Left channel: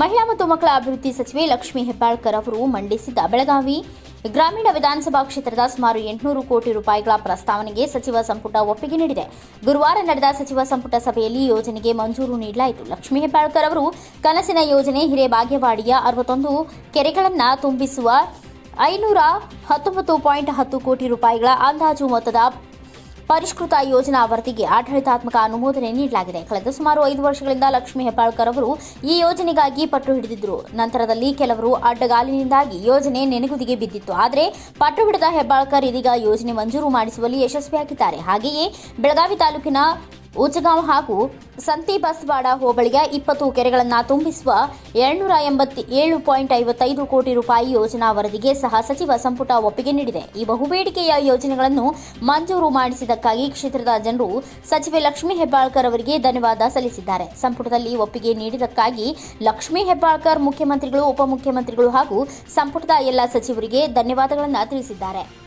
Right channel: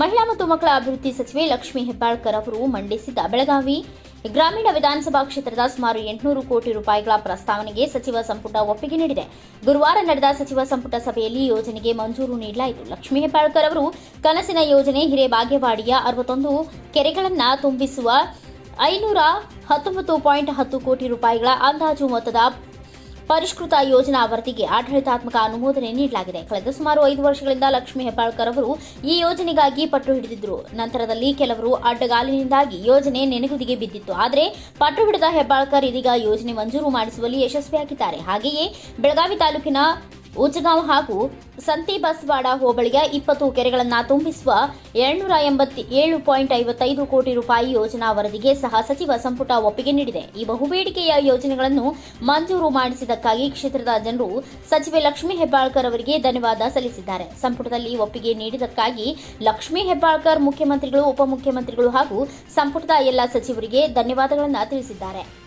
ಮಹಿಳಾ ಮತ್ತು ಮಕ್ಕಳ ಅಭಿವೃದ್ಧಿ ಸಚಿವೆ ಲಕ್ಷ್ಮೀ ಹೆಬ್ಬಾಳ್ಕರ್ ಅವರು ಮಂಡಿಸಿದ ಬೆಳಗಾವಿ ಗ್ರಾಮೀಣ ವಿಧಾನಸಭಾ ಕ್ಷೇತ್ರದ ಸುಮಾರು ಎಂಟುನೂರು ಕೋಟಿ ರೂಪಾಯಿಗಳ ಪ್ರಸ್ತಾವನೆಗೆ ಸಚಿವ ಸಂಪುಟ ಒಪ್ಪಿಗೆ ನೀಡಿದೆ. ಗುರುವಾರ ನಡೆದ ಸಚಿವ ಸಂಪುಟ ಸಭೆಯಲ್ಲಿ ಯೋಜನೆಗೆ ಮಂಜೂರು ನೀಡಲಾಯಿತು. ಲಕ್ಷ್ಮೀ ಹೆಬ್ಬಾಳ್ಕರ್ ಅವರು ಕನಸಿನ ಯೋಜನೆ ಹಿರೇಬಾಗೇವಾಡಿಯ ಅರವತ್ತೊಂದು ಕೆರೆಗಳನ್ನು ತುಂಬಿಸುವ ಐನೂರ ಹತ್ತೊಂಬತ್ತು ಪಾಯಿಂಟ್ ಹತ್ತು ಕೋಟಿ ರೂಪಾಯಿಗಳ ಅಂದಾಜು ಮೊತ್ತದ ಪರಿಷ್ಕೃತ ಯೋಜನಾ ವರದಿಗೆ ಆಡಳಿತಾತ್ಮಕ ಅನುಮೋದನೆ ನೀಡಲಾಗಿದೆ. ಕಳೆದ ಸುಮಾರು ಐದು ವರ್ಷಗಳಿಂದ ಲಕ್ಷ್ಮಿ ಹೆಬ್ಬಾಳ್ಕರ್ ಅವರು ಈ ಯೋಜನೆಗಾಗಿ ಪಟ್ಟು ಹಿಡಿದಿದ್ದರು ನಂತರದಲ್ಲಿ ಕೆಲವರು ಅಡ್ಡಗಾಲಿನಿಂದಾಗಿ ಯೋಜನೆ ನೆನೆಗುದಿಗೆ ಬಿದ್ದಿತ್ತು. ಆದರೆ ಪಟ್ಟು ಹಿಡಿದ ಹೆಬ್ಬಾಳ್ಕರ್ ಇದೀಗ ಯೋಜನೆ ಮಂಜೂರು ಮಾಡಿಸುವಲ್ಲಿ ಯಶಸ್ವಿಯಾಗಿದ್ದಾರೆ. ಹಾಗೆಯೇ ಬೆಳಗಾವಿ ತಾಲೂಕಿನ ಉಚ್ಚಗಾಂವ್ ಹಾಗೂ ಸಂತಿ ಬಸ್ವಾಡ ಹೋಬಳಿಗೆ ಇಪ್ಪತ್ತು ಕೆರೆಗಳನ್ನು ತುಂಬಿಸುವ ಎಂಬತ್ತಿ ಏಳು ಪಾಯಿಂಟ್ ಐವತ್ತೈದು ಕೋಟಿ ರೂಪಾಯಿ ಯೋಜನಾ ವರದಿಗೆ ಸಹ ಸಚಿವ ಸಂಪುಟ ಒಪ್ಪಿಗೆ ನೀಡಿದೆ. ಈ ಬಹುಬೇಡಿಕೆಯ ಯೋಜನೆಗಳನ್ನು ಮಂಜೂರು ಮಾಡಿಸಿದ್ದಕ್ಕಾಗಿ ಕ್ಷೇತ್ರದ ಜನರು ಸಚಿವೆ ಲಕ್ಷ್ಮೀ ಹೆಬ್ಬಾಳ್ಕರ್ ಅವರಿಗೆ ಧನ್ಯವಾದ ಸಲ್ಲಿಸಿದ್ದಾರೆ. ಸಂಪುಟದಲ್ಲಿ ಒಪ್ಪಿಗೆ ನೀಡಿದ್ದಕ್ಕಾಗಿ ಲಕ್ಷ್ಮೀ ಹೆಬ್ಬಾಳ್ಕರ್ ಮುಖ್ಯಮಂತ್ರಿಗಳು, ಉಪಮುಖ್ಯಮಂತ್ರಿಗಳು ಹಾಗೂ ಸಂಪುಟದ ಎಲ್ಲ ಸಚಿವರಿಗೆ ಧನ್ಯವಾದಗಳನ್ನು ತಿಳಿಸಿದ್ದಾರೆ.